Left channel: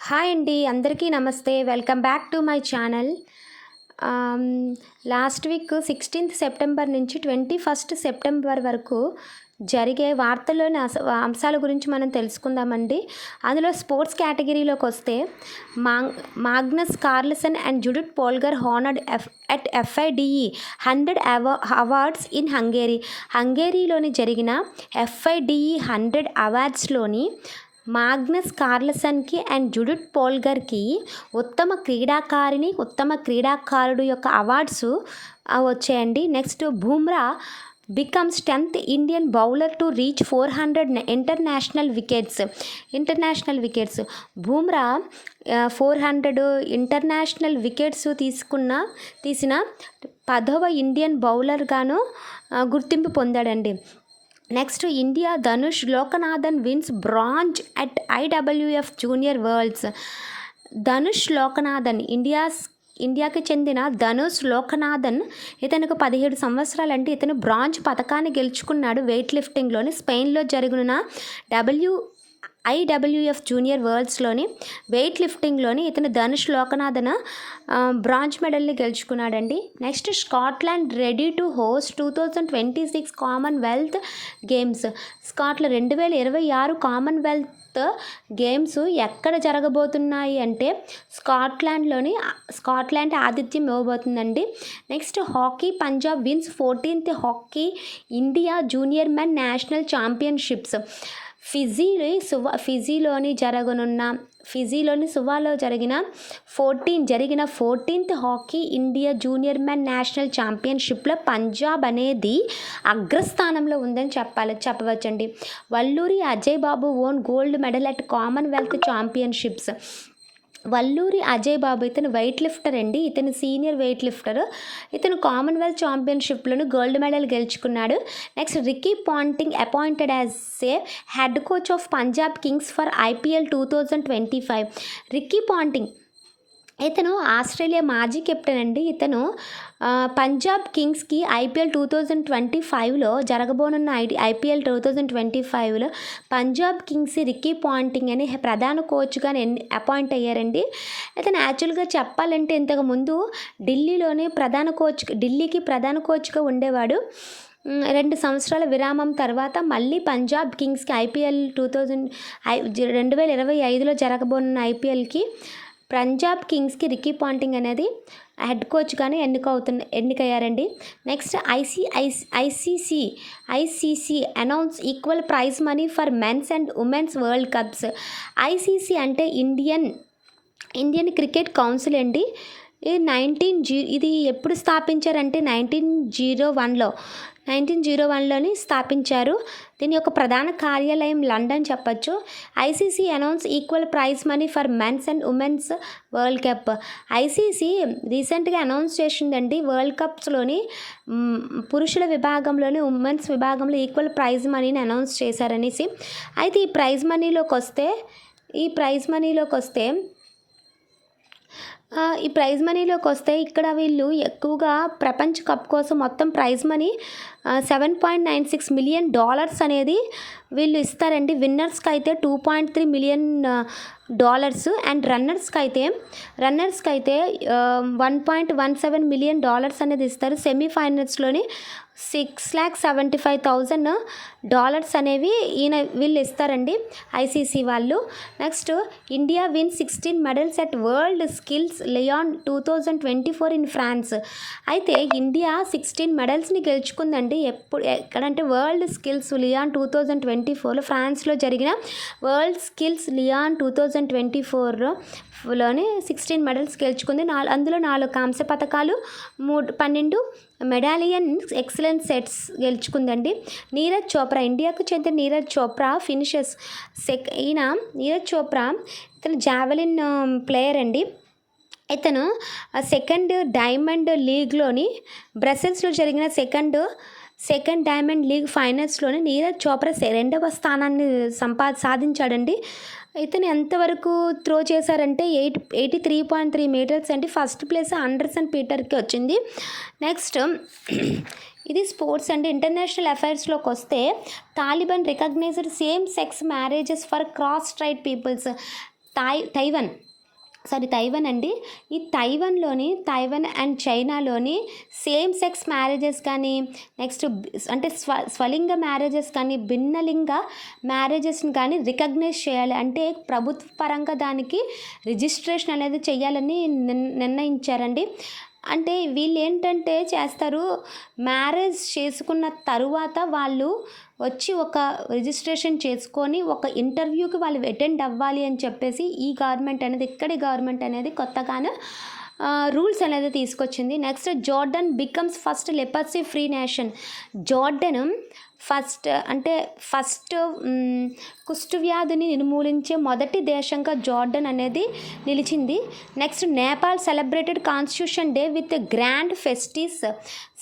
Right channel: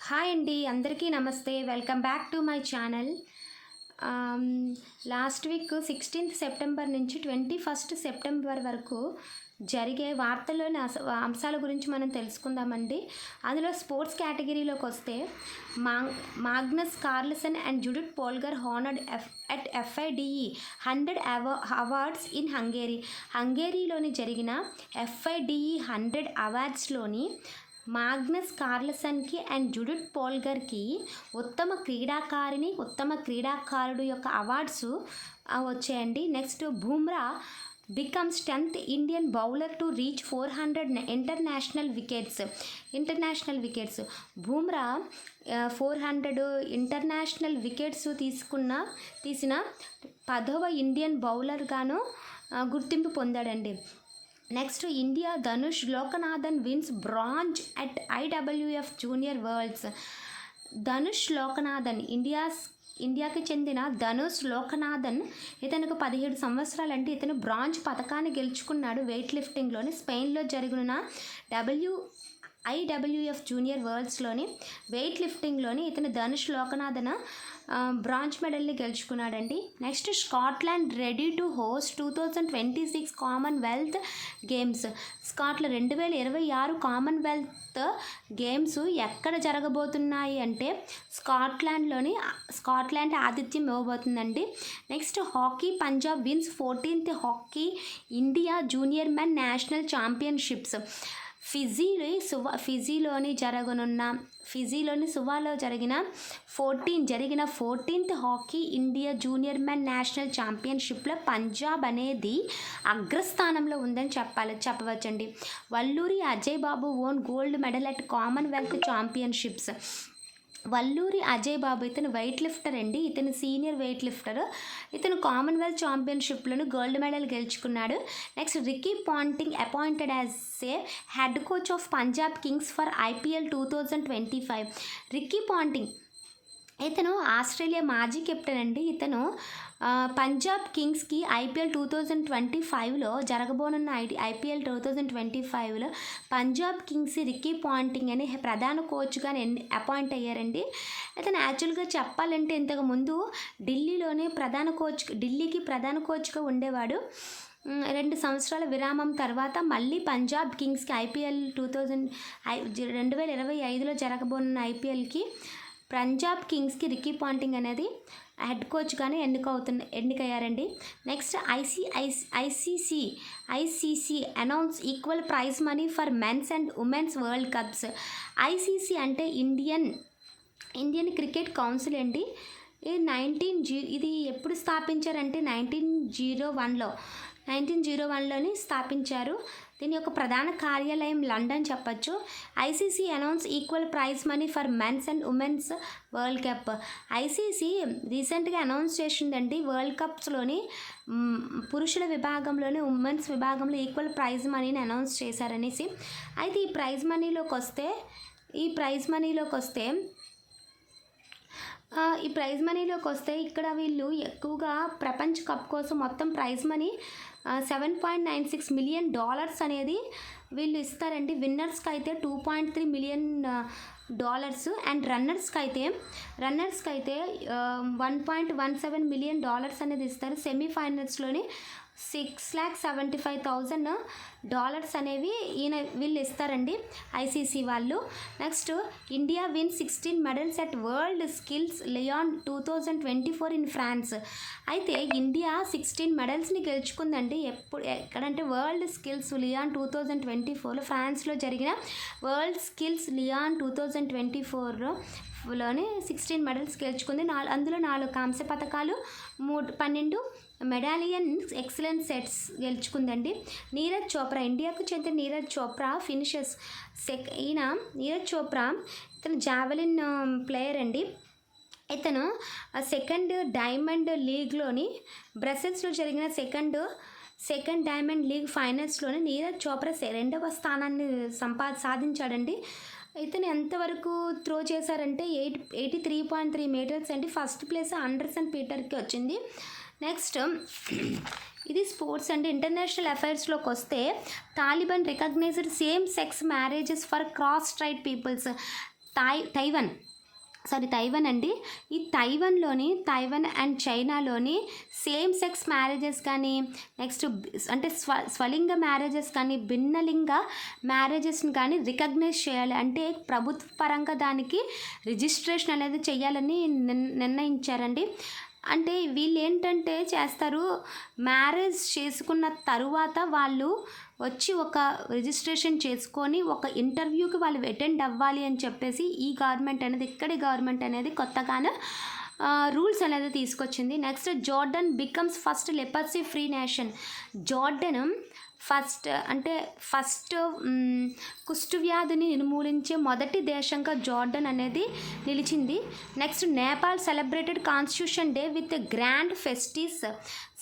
Hi అండి, అందరికీ నమస్తే. Welcome back to my channel. Last week 16th September నుంచి 21st సెప్టెంబర్ వరకు జరిగే వార్తల్లోని అంశాల గురించి మనం తెలుసుకుందామండి. అందులో స్పోర్ట్స్ కేటగిరీలోకి వస్తే Magnus Carlsen and Judith Polgar honoured at FIDE 100 awards in హంగేరీలోని జరిగిన FIDE 100 అవార్డ్స్లోని మాగ్నస్ కార్ల్సన్కి అండ్ జుడిత్ పోల్గర్కి ఉత్తమ క్రీడాకారుడు యొక్క అవార్డ్స్ వచ్చాయండి. Next Bumrah becomes 10th Indian bowler to reach 400 international wickets. Bumrah 400 international wickets తీసిన 10వ ఇండియన్ బౌలర్గాను గుర్తింపు పొందాడండి. Next India Dhanush Lokanathan wins bronze at IWF junior worlds. Dhanush Lokanathan ఇండియాకి చెందిన ధనుష్ లోకనాథన్ ఇతనికి 17 సంవత్సరాలు అంటే ఇతను బ్రాంజ్ పథకాన్ని గెలుచుకున్నాడు. వెయిట్ లిఫ్టింగ్లోని స్పెయిన్లో జరిగిన IWF జూనియర్ వరల్డ్స్లోని వెయిట్ లిఫ్టింగ్లోని ఇతను ధనుష్ లోకనాథన్ బ్రాంజ్ మెడల్ని గెలుచుకున్నాడండి. Next Scotland ready to host 2026 Commonwealth Games. 2026 Commonwealth Games ఎక్కడ జరగబోతున్నాయి అంటే స్కాట్లాండ్ ఆతిథ్యం ఇవ్వబోతుందండి. Next hockey Punjab wins 14th hockey India junior men national championships. ఫిజీలోని సువాలో జరిగిన 14th hockey India junior men national ఛాంపియన్షిప్లో పంజాబ్ అనేది అగ్రస్థానంలో ఉందని చెప్పవచ్చండి. Valluri Ajay Babu won gold medal at Commonwealth championships. Valluri Ajay Babu ఇతను వెయిట్ లిఫ్టర్ అండి. ఇతను సీనియర్ వెయిట్ లిఫ్టర్. ఇతను కామన్వెల్త్ ఛాంపియన్షిప్లోను గోల్డ్ మెడల్ గెలుచుకున్నాడు. Next Ricky Ponting appointed as a head coach of Punjab Kings for IPL 2025. Ricky Ponting ఇతను ఆస్ట్రేలియా మాజీ కెప్టెన్ అండి. ఇతను పంజాబ్ కింగ్స్కి IPL 2025లో జరగబోనున్న IPL 2025లో పంజాబ్ కింగ్స్ రికీ పాంటింగ్ అని ప్రధాన కోచ్గా అపాయింట్ అయ్యారండి. ఇతను యాక్చువల్గా చెప్పాలంటే ఇంతకుముందు ఢిల్లీకి ప్రధాన కోచ్గా ఉండేవాడు. 2 సంవత్సరాల విరామం తర్వాత మళ్ళీ పంజాబ్ కింగ్స్కి IPL 2025లో జరగబోనున్న IPLకి పంజాబ్ కింగ్స్కి రికీ పాంటింగ్ అనేది హెడ్ కోచ్గానే ఎన్నికయ్యారండి. Next ICC announce equal prize money for men's and women's world cups. ICC అంటే ఇండియన్ క్రికెట్ కౌన్సిల్ అండి. ఇది ఎప్పుడు స్థాపించారంటే 1901లోని స్థాపించారు. దీని యొక్క ప్రధాన కార్యాలయం లండన్ చెప్పచ్చు. ICC announce equal prize money for men's and women's world cup. ICC రీసెంట్గా అనౌన్స్ చేసిందండి వరల్డ్ కప్స్లోని పురుషుల విభాగంలోని ఉమెన్స్ విభాగంలో ఈక్వల్ ప్రైజ్ మనీని అనౌన్స్ చేశారనేసి. అయితే ఈ ప్రైజ్ మనీలోకి వస్తే ఇక్కడ వీళ్ళు ఎక్కువగా ప్రపంచ కప్ కోసం మొత్తం ప్రైజ్ మనీ $7.96 million అనేది వీళ్ళు ఇస్తారండి. విన్నర్స్కి అయితే $2.3 million అండ్ రన్నర్స్కి అయితే $1.17 million అనేది ఇస్తారు. సెమీఫైనల్స్లోని $6,75,000 అనేవి వీళ్ళు ఇస్తారండి ICC వాళ్ళు. Next India win 16 medals at world skills Lyon 2024 in France. అయితే ఇండియా 16 మెడల్స్ని గెలుచుకుందండి. ఎక్కడంటే వరల్డ్ స్కిల్స్ లియాన్ 2024లో ఫ్రాన్స్లో జరిగిన వరల్డ్ స్కిల్స్ లియాన్ 2024లోని 16 మెడల్స్ గెలుచుకుంది. అందులో 4 కాంస్య పథకాలు, 12 మెడాలియన్ ఎక్సలెన్స్ సెట్స్ గెలుచుకుందండి. నీరజ్ చోప్రా, ఇండియాకు చెందిన నీరజ్ చోప్రా ఫినిషెస్ ఇతను జావెలిన్ ప్లేయర్ అండి. ఇతను సెకండ్ డైమండ్ లీగ్లోని బ్రసెల్స్లో జరిగిన సెకండ్ డైమండ్ లీగ్ ఫైనల్స్లోని నీరజ్ చోప్రా 2వ స్థానాన్ని సాధించాడండి. ఇతను ఎంతవరకు త్రో చేశారంటే 83.3 meters అండి. ఫస్ట్ ప్లేస్ ఆండర్సన్ పీటర్కి వచ్చింది. నెక్స్ట్ ఇది స్పోర్ట్స్ అండ్ ఇంటర్నేషనల్ అఫైర్స్లోకి వస్తే Taliban recognised same sex marriages for cross straight peoples. Taiwan అండి. ఈ తైవన్ అండ్ చైనాలోని సేమ్ సెక్స్ మ్యారేజెస్ కానీ, నెక్స్ట్ అంటే స్వలింగ మ్యారేజెస్ కానీ, భిన్నలింగ మ్యారేజెస్ని కానీ రికగ్నైజ్ చేయాలి. అంటే ప్రభుత్వ పరంగా దానికి రిజిస్ట్రేషన్ అనేది చేయాలని నిర్ణయించారండి. అంటే వీళ్ళు ఏంటంటే చేస్తారు, మ్యారేజ్ చేసుకున్న తరువాత వాళ్ళు వచ్చి ఒక రిజిస్ట్రేషన్ చేసుకొని ఒక ఇంటర్వ్యూకి వాళ్ళు అటెండ్ అవ్వాలి అని చెప్పేసి ఇక్కడి గవర్నమెంట్ అనేది కొత్తగానే రూల్స్ అనేది తీసుకొచ్చింది. Next, Jordan becomes first leprosy free nation. Jordan first కుష్ఠవ్యాధిని నిర్మూలించే మొదటి దేశంగా జోర్డన్ అనేది నిలిచింది. Next, Nepal celebrated constitution day with grand festives.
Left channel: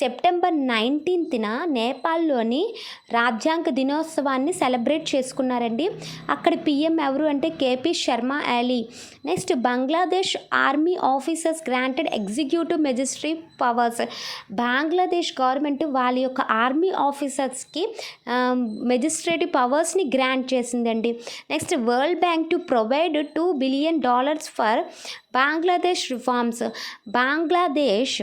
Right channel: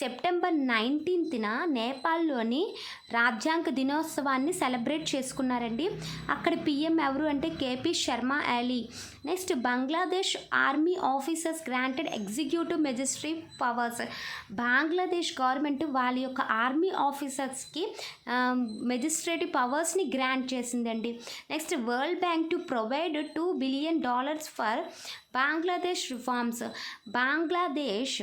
September 19న నేపాల్లోని రాజ్యాంగ దినోత్సవాన్ని సెలబ్రేట్ చేసుకున్నారండి. అక్కడ పిఎం ఎవరు అంటే KP Sharma Oli. Next, Bangladesh army officers granted executive magistracy powers. Bangladesh government వాళ్ళ యొక్క ఆర్మీ ఆఫీసర్స్కి మెజిస్ట్రేటివ్ పవర్స్ని గ్రాంట్ చేసిందండి. Next, world bank to provide $2 billion for Bangladesh reforms. Bangladesh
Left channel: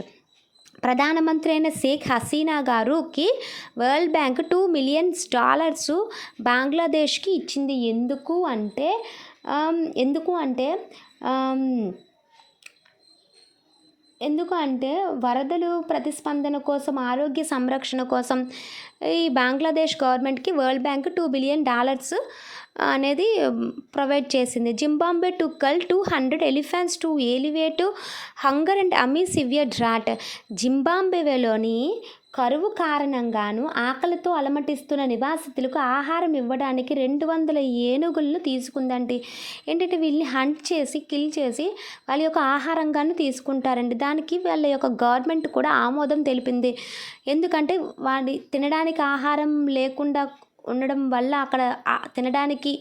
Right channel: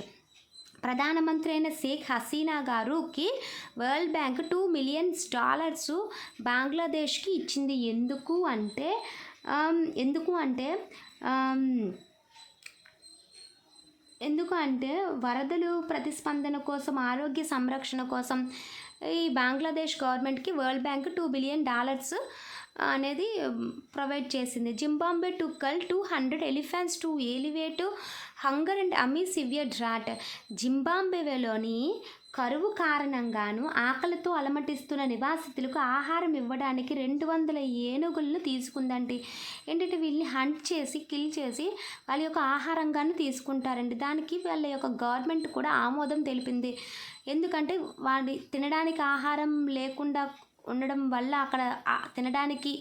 ప్రధానమంత్రి అయిన షేక్ హసీనా గారుకి వరల్డ్ బ్యాంక్ $2 million బంగ్లాదేశ్కి ఇచ్చింది. ఎందుకు అంటే వరదలు ప్రతిస్పందన కోసం, ఆరోగ్య సంరక్షణ కోసం ఈ బంగ్లాదేశ్ గవర్నమెంట్కి వరల్డ్ బ్యాంక్ $2 billion అనేది ప్రొవైడ్ చేసింది. Zimbabwe to cull 200 elephants to elevate hunger and amid severe drought. జింబాబ్వేలోని కరువు కారణంగాను ఆకలితో అలమటిస్తున్న నివాసితులకు ఆహారం ఇవ్వడానికి 200 ఏనుగులను తీసుకుందండి. ఏంటంటే వీళ్ళని హంట్ చేసి కిల్ చేసి వాళ్ళ యొక్క ఆహారంగాను తీసుకుంటారండి. దానికి వాళ్ళ యొక్క గవర్నమెంట్ కూడా ఆమోదం తెలిపింది. ఎందుకంటే వాడి తినడానికి ఆహారం లేకుండా ఉండడం వల్ల, అక్కడ తినడానికి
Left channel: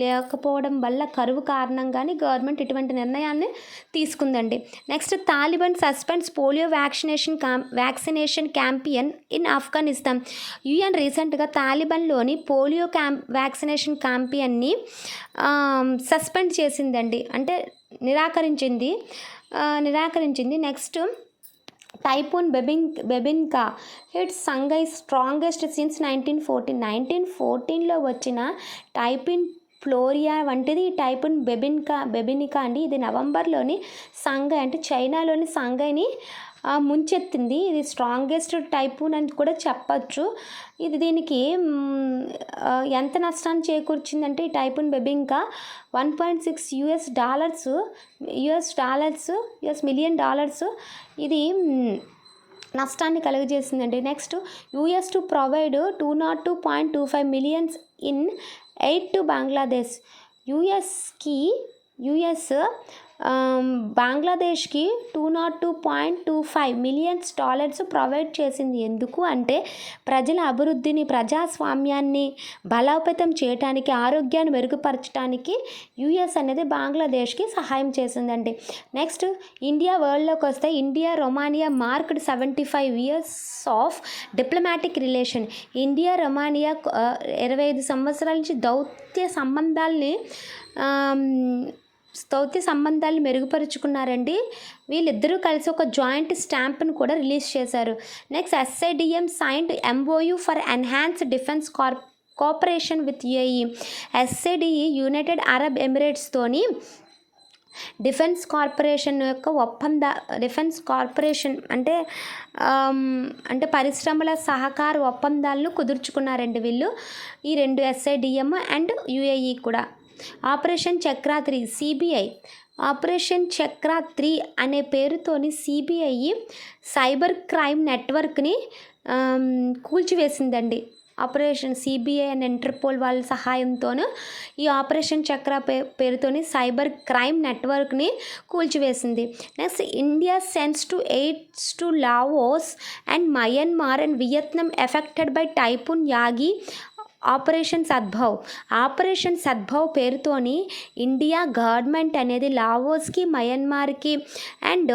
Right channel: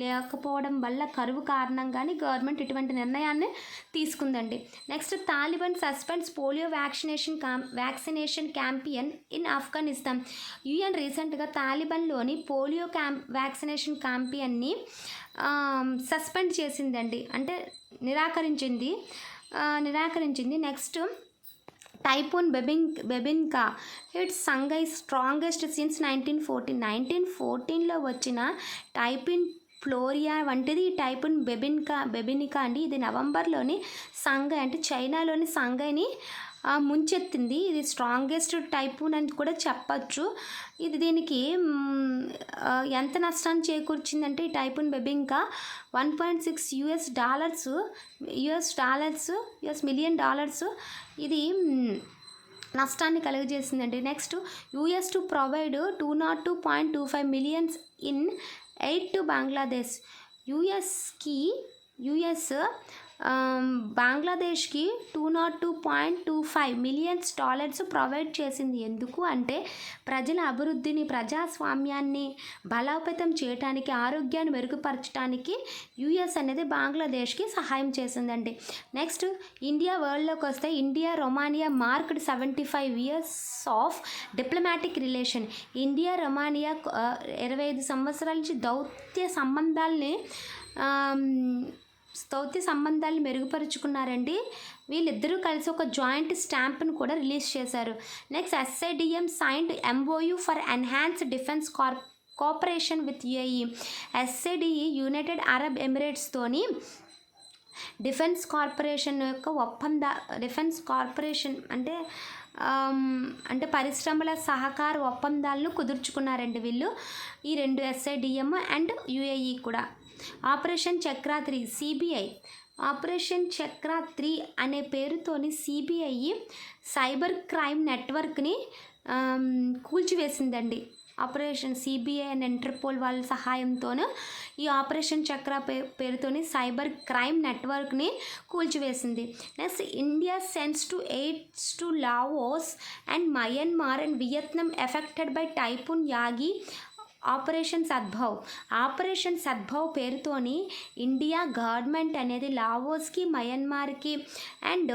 లేకపోవడం వల్ల కరువు కారణంగానే గవర్నమెంట్ ఇటువంటి నిర్ణయాన్ని తీసుకుందండి. Next, Taliban suspends polio vaccination campaign in Afghanistan. UN రీసెంట్గా తాలిబాన్లోని పోలియో వ్యాక్సినేషన్ క్యాంపియన్ని సస్పెండ్ చేసిందండి, అంటే నిరాకరించింది. Next, typhoon Bebinca hits Shanghai strongest since 1914. 1914లో వచ్చిన టైఫూన్ ఫ్లోరియా వంటిది టైఫూన్ బెబినికా అండి. ఇది నవంబర్లోని సంఘై అంటే చైనాలోని సంఘైని ముంచెత్తింది. ఇది స్ట్రాంగెస్ట్ టైఫూన్ అని కూడా చెప్పచ్చు. దీనికి ఎంత నష్టాన్ని చేకూర్చిందంటే ఈ టైఫూన్ బెబిన్కా $1.6 million ఇది నష్టాన్ని కలుగజేసిందండి. Next, US to provide $202.25 million in aid to Bangladesh. US బంగ్లాదేశ్కి $202.25 million ప్రొవైడ్ చేసింది. ఎందుకు అంటే ప్రజల అభివృద్ధిని, ప్రజాస్వామ్యాన్ని బలోపేతం చేయడానికి, ఆరోగ్యాన్ని మెరుగుపరచడానికి యుఎస్ అనేది బంగ్లాదేశ్కి సహాయం చేసిందండి. నెక్స్ట్, ఇండియా వరల్డ్లోకి వస్తే India Romania marked 75 years of diplomatic relation. India Romania 25 సంవత్సరాల నుంచి దౌత్య సంబంధాలు మెరుగుపరుచుకున్నారండి. వీళ్ళిద్దరూ కలిసి ఒక జాయింట్ స్టాంప్ను కూడా రిలీజ్ చేశారు. Next, SIDM signed MOU for enhance defence cooperation with UAE. SIDE united Arab ఎమిరేట్స్తోని డిఫెన్స్ కార్పొరేషన్ అంటే పరిశ్రమల సహకార ఒప్పందాలను కుదుర్చుకున్నారండి వీళ్ళు, ఈ రెండు SIDM అండ్ UAE కూడా. Operation Chakra 3 CBI. Operation Chakra 3 అనే పేరుతోని CBI సైబర్ క్రైమ్ నెట్వర్క్ని కూల్చివేసిందండి. ఆపరేషన్ CBI అండ్ ఇంటర్పోల్ వాళ్ళ సహాయంతోనూ ఈ ఆపరేషన్ చక్ర పేరుతోని సైబర్ క్రైమ్ నెట్వర్క్ని కూల్చివేసింది. Next, India sends aids to Laos and Myanmar and Vietnam affected by typhoon Yagi. Operation Sadbhav పేరుతోని ఇండియా గవర్నమెంట్ అనేది లావోస్కి, మయన్మార్కి అండ్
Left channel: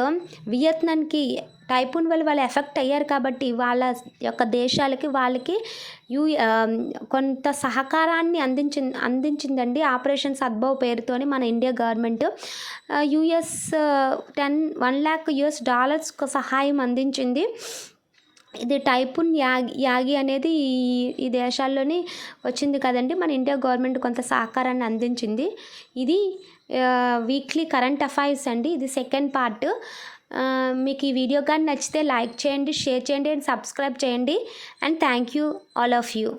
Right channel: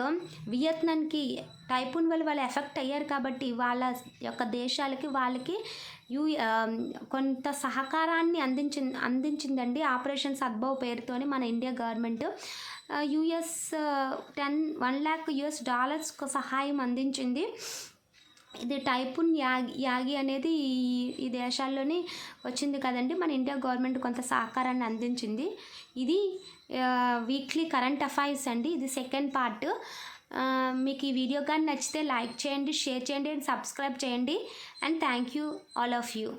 వియత్నాంకి టైఫూన్ వల్ల వాళ్ళు ఎఫెక్ట్ అయ్యారు కాబట్టి వాళ్ళ యొక్క దేశాలకి వాళ్ళకి యూ కొంత సహకారాన్ని అందించిందండి ఆపరేషన్ సద్భవ్ పేరుతోని మన India government US 1 lakh US$ సహాయం అందించింది. ఇది టైఫూన్ యాగి అనేది ఈ దేశాల్లోని వచ్చింది కదండి. మన ఇండియా గవర్నమెంట్ కొంత సహకారాన్ని అందించింది. ఇది వీక్లీ కరెంట్ అఫైర్స్ అండి. ఇది సెకండ్ పార్ట్. మీకు ఈ వీడియో కానీ నచ్చితే లైక్ చేయండి, షేర్ చేయండి అండ్ సబ్స్క్రైబ్ చేయండి. And thank you all of you.